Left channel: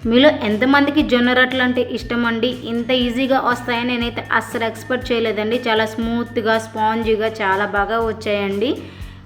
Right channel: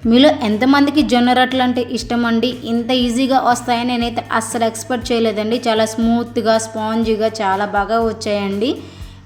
మీలో ఎంతమందికి జొన్న రొట్టెలు అంటే ఇష్టం అండి? ఇంత ఈజీగా వస్తాయని నేనైతే అస్సలు ఎక్స్పెక్ట్ చేయలేదండి. చాలా స్మూత్‌గా, స్పాంజీగా చాలా బాగా వచ్చాయండి.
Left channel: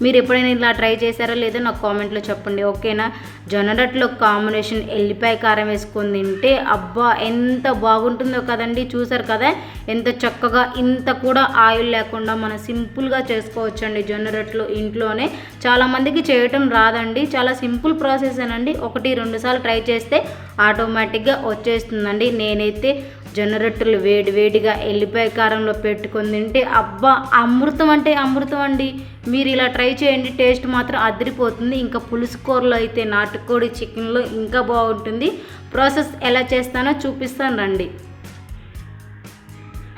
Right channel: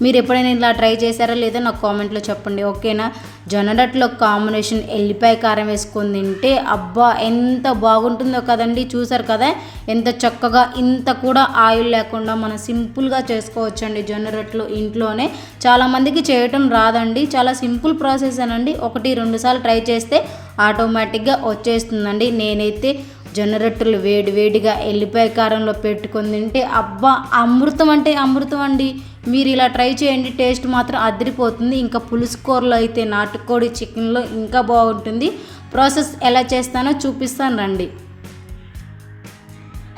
మీరు ఎప్పుడైనా ఇలా ట్రై చేశారా లేదో నాకు కామెంట్లో చెప్పండి, ఓకేనా? జొన్న రొట్టెలో కాంబినేషన్ ఎల్లిపాయ కారం వేసుకొని తింటే అబ్బా ఎంత బాగుంటుందో కదండి. చూసారు కదా ఎంత చక్కగా, ఇంత కూడా ఆయిల్ లేకుండా మనం సింపుల్గా చేసుకోవచ్చండి జొన్న రొట్టెలు ఇంట్లోనే. చాలామందికి చేయటం రాదండి. చాలా సింపుల్ ప్రాసెస్ అనండి. 1-2 సార్లు ట్రై చేస్తే ఆటోమేటిక్గా వచ్చేస్తుందండి. నేనైతే జొన్న రొట్టెలు వేడిగా ఎల్లిపాయ కారంలో పెట్టుకొని తింటే అబ్బా అమృతం అంటే అమృతం అండి. మీరు ఇలా ట్రై చేయండి, టేస్ట్ మాత్రం అదిరిపోతుంది. ఇంకా పులుసు కూరలో అయితే నాటుకోడి చికెన్లో ఇంకా బాగుంటుంది. ప్రాసెస్ ఎలా చేస్తానో చూపిస్తాను రండి.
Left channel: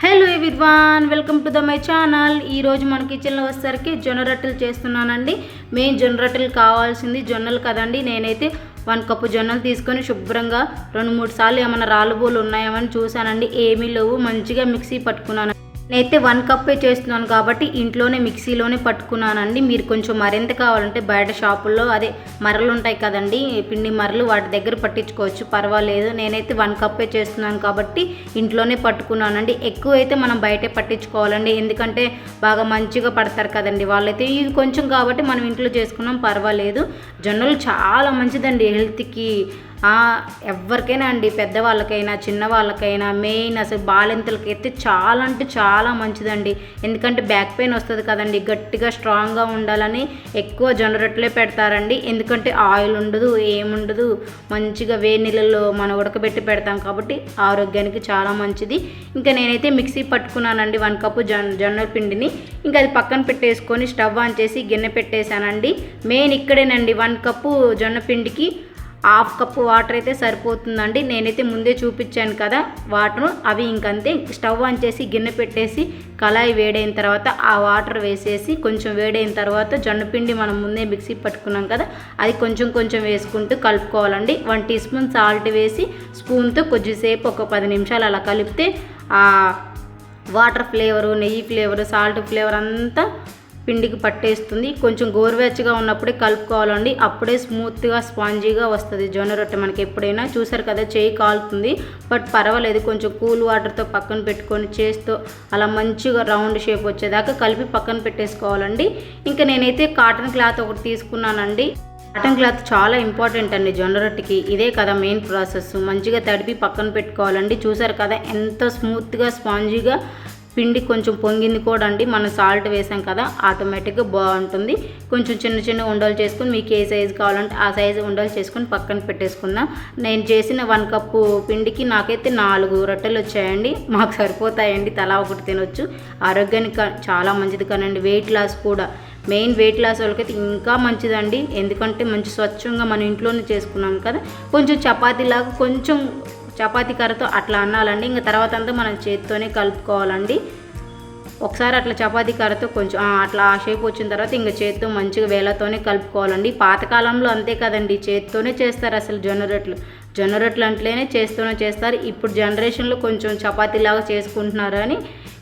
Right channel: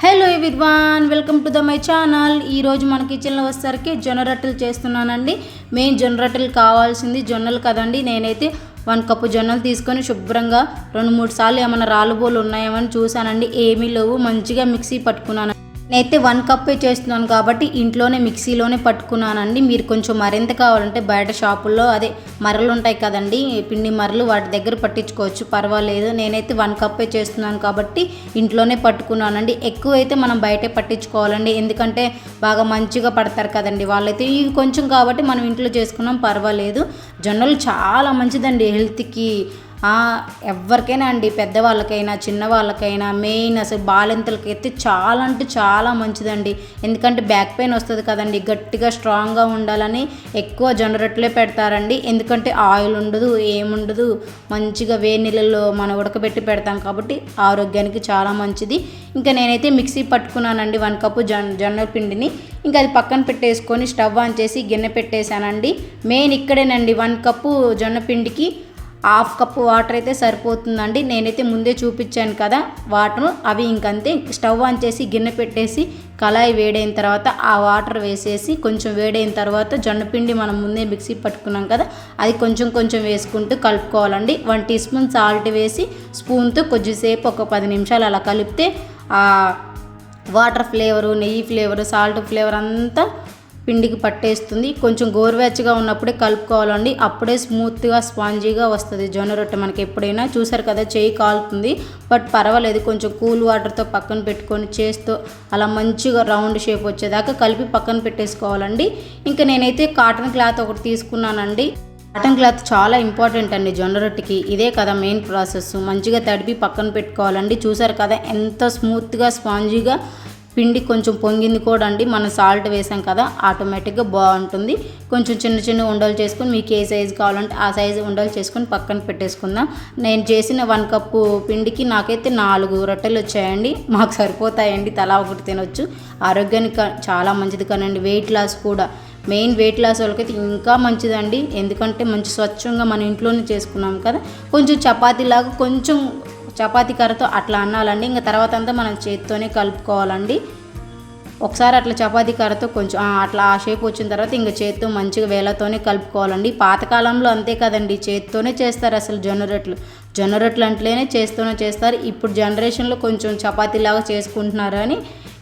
Hello everyone, welcome to my channel. ఈరోజు మన కిచెన్లో వచ్చేసరికి జొన్న రొట్టెలు చేస్తున్నానండి. మెయిన్ జొన్న రొట్టెలు కావాల్సింది జొన్నలు కదండి. నేనైతే 1 కప్పు జొన్నలు తీసుకొని శుభ్రంగా 2-3 సార్లు ఏమైనా రాళ్ళబోలు ఉన్నాయేమని చూశానండి. ఏమీ లేవు. మంచిగా మిక్సీ పట్టుకున్నాను. నేనైతే 1 కప్పే చేస్తున్నాను కాబట్టి ఇంట్లోనే మిక్సీలోనే పట్టుకున్నానండి. మీరు కొంచెం మరింత కావాలంటే బయట షాపుల్లో అదే మరలు ఉంటాయి కదండి, పిండి మరలు, వాటి దగ్గర పట్టించుకోవచ్చు, పర్వాలేదు. నేనైతే 1 కప్పే చేస్తున్నాను కాబట్టి ఇంట్లోనే పట్టుకున్నానండి. ఎక్కువైతే మనం బయటే పట్టించుకోవాలండి, ఎందుకంటే బాగా మంచిగా పడతారు కదండి వాళ్ళైతే. ఇవి కొంచెం కాబట్టి మనం ఇంట్లో చేసుకున్నాం, పర్వాలేదు. జొన్నలు చాలా మంచిదండి హెల్త్కి. ఎవరికైనా అండి, పెద్దవాళ్ళకైనా చిన్నవాళ్ళకైనా, మెయిన్ అసలు బాలింతలకి అయితే చాలా అంటే చాలా మంచిదండి. ఎందుకంటే బ్యాక్ పెయిన్ వస్తుంది కదండి, గట్టిగా స్ట్రాంగ్గా ఉండాలని ఎక్కువ జొన్న రొట్టెలే పెడతారండి. ఎందుకంటే ఆయిల్ ఉండదు, ఏముండదు, మంచిగా వేడి నీళ్ళల్లో మనం ఉడకబెట్టి పెడతాం కాబట్టి ఆరోగ్యానికి చాలా మంచిది. ఇంకా నేనైతే మిక్సీ పట్టుకున్నానండి 1 కప్పు జొన్న పిండిని. ఇంకా అది పక్కన పెట్టేసుకొని స్టవ్ ఆన్ చేసి గిన్నె పెట్టేశానండి. మెయిన్ ఇక్కడేనండి, 1 కప్పు జొన్న పిండికి 1/2 కప్పు వాటర్ అయితే సరిపోతుందండి. నేనైతే ముందే చూపించాను కదా వాటర్, అవి ఇంకంతే. స్టవ్ ఆన్ చేసి గిన్నె పెట్టేసి కళాయి వేడైన తర్వాత ఆ వాటర్ వేసేసి కొంచెం వేడైన తర్వాత జొన్నపిండి మనం ముందే మిక్సీ పట్టుకున్నాం కదా అది కొంచెం కొంచెం వేసుకుంటూ కలుపుకోవాలండి. 1 టీ స్పూన్ సాల్ట్ వేసి స్పూన్తో కొద్దిసేపు ఒక 10 నిమిషాలు అలా కలిపితే ఆ వాటర్ ఫ్లేవరు, నెయ్యి ఫ్లేవరు, సాల్ట్ ఫ్లేవర్ అంతా పిండికి పట్టేస్తుంది. కొంచెం గోరువెచ్చగా ఉన్నప్పుడే కలుపుకోవాలండి. అప్పుడే స్మూత్గా స్పాంజీగా వస్తుంది జొన్న రొట్టె మనకి ఎప్పుడైనా. చూసారు కదా చేయి కాలుతుంది, బట్ పర్వాలేదు. కొంచెం కూల్ వాటర్తో పక్కన పెట్టుకొని చేస్తూ అలా మంచిగా రౌండ్ షేప్ వచ్చేదాకా కలిపి పక్కన పెట్టేసుకోవాలండి. ఇంకా నేనైతే కాటన్ క్లాత్ ఒకటి తీసుకున్నానండి. కాటన్ క్లాత్ చాలా ఇంపార్టెంట్ అండి జొన్న రొట్టెకి. ఇదే కదా మెయిన్ ప్రాసెస్. మంచిగా తడిపి పక్కన పెట్టుకోవాలండి. చూసారు కదా ఎంత స్మూత్గా స్పాంజీగా పిండి కొంచెం పొంగింది కూడా అండి. మనం సాల్ట్ వేసాం కదా, ఆటోమేటిక్గా బాగుంటుంది. కొంచెం చిన్న చిన్న ఉండలు చేసుకొని మీకు ఏ సైజు కావాలంటే ఆ సైజు ఉండలు చేసుకొని పక్కన పెట్టేసుకుందాం. నేను చేసిన 1 కప్పు పిండికి నాకైతే 4 రొట్టెలు వచ్చాయండి. మాకు సరిపోతాయండి, తలా ఒకటి తినొచ్చు. ఆరోగ్యానికి చాలా మంచిది కానండి. వెయిట్ లాస్ కూడా, మెయిన్ వెయిట్ లాస్ వాళ్ళకైతే ఇంకా మంచిదండి. ఎందుకంటే మంచి స్వచ్ఛంగా మన ఇంట్లోనే చేసుకున్నాం కదా. కొంచెం చపాతీలాగా కొంచెం చపాతీ కర్రతో అట్లా అన్నాలండి. ఇంకా తర్వాత అంతా మనం చేత్తోనే కలుపుకోవాలండి. ఒకసారి అట్లా చపాతీ కర్రతో కొంచెం అట్లా ఆ షేప్ వచ్చిన తర్వాత ఇంకా చేత్తో మంచిగా వేలతోనే కలుపుకోవాలండి. పాతకాలంలో అంతే కదండి, చేత్తోనే చేస్తారు అసలు జొన్న రొట్టెలు అంటేనే చేస్తూనే చేస్తారు. ఇప్పుడు జనరేషన్లో కొంచెం చపాతీలాగా చేసుకుంటున్నారు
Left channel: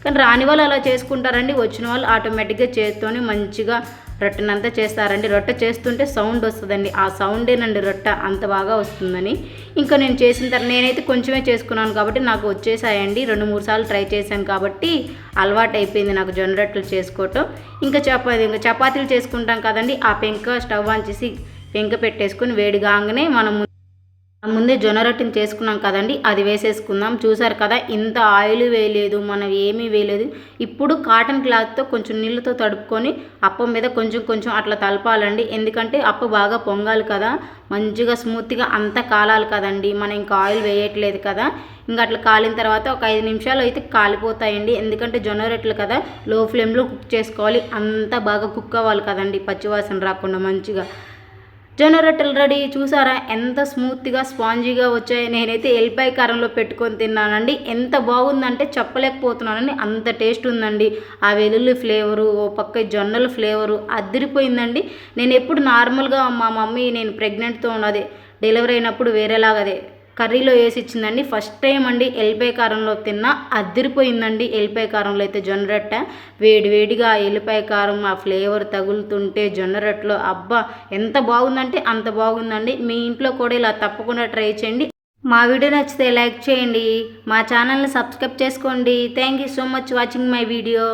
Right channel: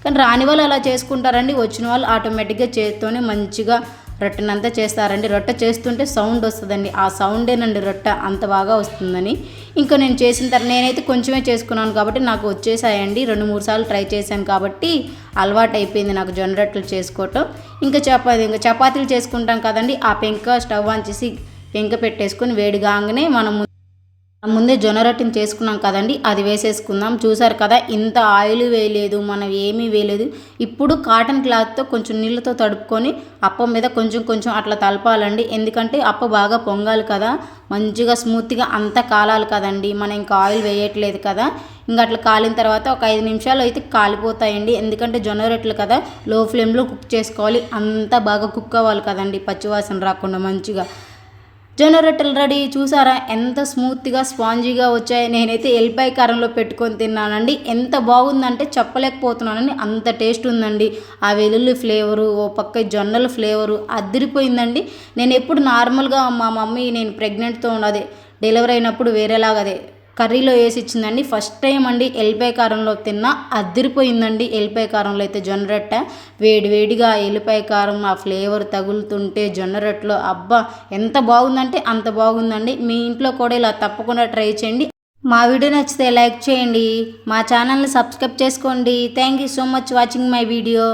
కానీ రాని వాళ్ళు అలా చేసుకుంటారండి. వచ్చిన వాళ్ళు ఆటోమేటిక్గా చేత్తోనే మంచిగా రొట్టెనంతా చేస్తారండి. రొట్టె చేస్తుంటే సౌండ్ వస్తుందండి, ఆ సౌండేనండి రొట్టె అంత బాగా వస్తుందని. ఇంకా నేను చేసిన తర్వాత నేనైతే కొంచెమే చేసుకున్నాను కాబట్టి నాకు వచ్చేసాయండి. 2-3 సార్లు ట్రై చేశాను కాబట్టి అలవాటు అయిపోయింది నాకు జొన్న రొట్టెలు చేసుకోవటం. ఇంకా చపాతీలు చేసుకుంటాం కదండి, ఆ పెంక స్టవ్ ఆన్ చేసి పెంక పెట్టేసుకొని వేడిగానే మనం ముందే జొన్న రొట్టెని చేసుకున్నాం కదండి, అది వేసేసుకుందాం. చూసారు కదా ఇంత ఆయిల్ వేయలేదు, మనం ఏమీ వేయలేదు. ఇప్పుడు కాటన్ క్లాత్తో కొంచెం నీళ్ళతో తడుపుకొని అప్పం మీద కొంచెం కొంచెం అట్లా తలపాలండి. ఎందుకంటే అప్ప బాగా పొంగాలి కదా, మంచిగా స్మూత్గా అంతా కాలాలి కదండి. మనం ఇంకా ఆయిల్ వేయట్లేదు కదా. ఇంకా అట్లా కాలిన తర్వాత ఒక 5 నిమిషాలు అయితే కాలిపోతాయండి. ఎందుకంటే జొన్న రొట్టెలు కదా, లో ఫ్లేమ్లో కుక్ చేసుకోవాలి. అంతా బాగా కుక్ అవ్వాలి కదండి, పచ్చివాసన రాకుండా మంచిగా. జొన్న రొట్టెలు రెడీ. చూసారా ఎంత స్మూత్గా స్పాంజీగా వచ్చాయి. నేనైతే ఎల్లిపాయ కారంలో పెట్టుకొని తిన్నానండి. ఎంత బాగుందంటే చెప్పలేకపోతున్నానండి, అంత టేస్ట్ ఉందండి. ఆ వెల్లుల్లి ఫ్లేవరు, ఓ పక్క జొన్నల ఫ్లేవరు అదిరిపోయిందండి. నేను ఎప్పుడు నార్మల్గా మా మమ్మీ నేను ప్రెగ్నెంట్తో ఉన్నది డెలివరీ అయినప్పుడు వేరేలాగదే కర్రీలో వేసి ఇచ్చిందండి. ఫస్ట్ టైం అండి ఎల్లిపాయ కారంలో తిన్నా, అదిరిపోయిందండి. ఎల్లిపాయ కారంలో అయితే జొన్న రొట్టె వేడిగా ఎల్లిపాయ కారం ఆ ఫ్లేవర్ తగులుతుంటే జొన్న రొట్టెలో అబ్బా ఎంత బాగుందంటే అంత బాగుందండి. మీ ఇంట్లో కూడా ఇలా తప్పకుండా ట్రై చేయండి. మా వీడియో నచ్చితే లైక్ చేయండి, మా ఛానల్ని సబ్స్క్రైబ్ చేసుకోండి. Thank you so much watching my video.